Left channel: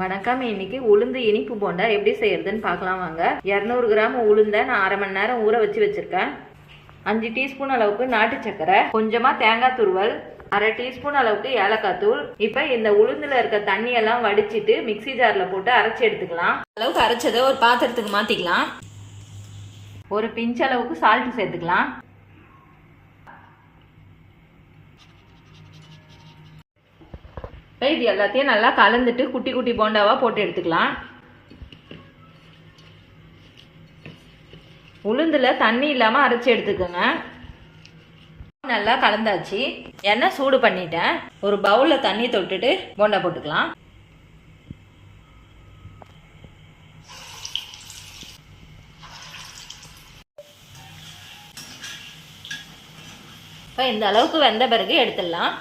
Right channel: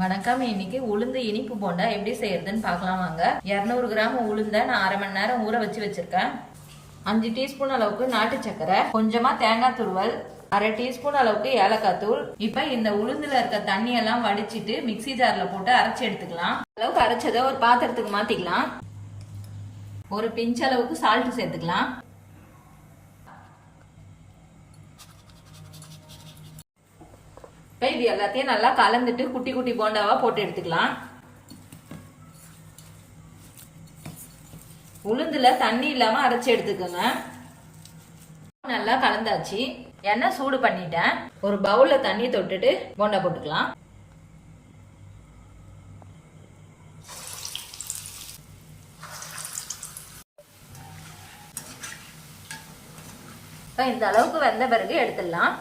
வணக்கம். இன்னைக்கு உளுந்து இனிப்பு போண்டா எப்படி செய்யறதுன்னு பார்க்கலாம் வாங்க. இரநூறு கிராம் உளுந்த நான் அரை மணி நேரம் ஊற வச்சு வச்சிருக்கேன். அஞ்சு டீஸ்பூன் அளவுக்கு நாட்டு சக்கரை கொஞ்சமா தேங்காய் துருவல் அரை டீஸ்பூன் அளவுக்கு ஏலக்காய் தூள். இப்போ இந்த உளுந்துல இருக்க தண்ணியெல்லாம் வடிச்சிட்டு மிக்ஸி ஜார்ல போட்டு அரைச்சி எடுத்துக்கலாம். அளவுக்கு அரைச்சதை ஒரு பாத்திரத்துக்கு மாத்திக்கலாம். ஒரு பிஞ்ச் அளவுக்கு சால்ட் சேர்த்துக்கலாம். இது எல்லாத்தையும் நல்லா கலந்துட்டு குட்டி குட்டி போண்டாவாக போட்டு எடுத்துக்கலாம். உளுந்தில் தண்ணி இல்லாமல் அரைச்சி எடுத்துக்கோங்க. நல்லா கலந்தாச்சு. எண்ணெய் சூடு பண்ணிட்டேன். ஒரு பவுலில் தண்ணி தொட்டுட்டு போண்டா போட்டுக்கலாம். இப்போ இந்த அளவுக்கு வெந்த பிறகு எடுத்துடலாம்.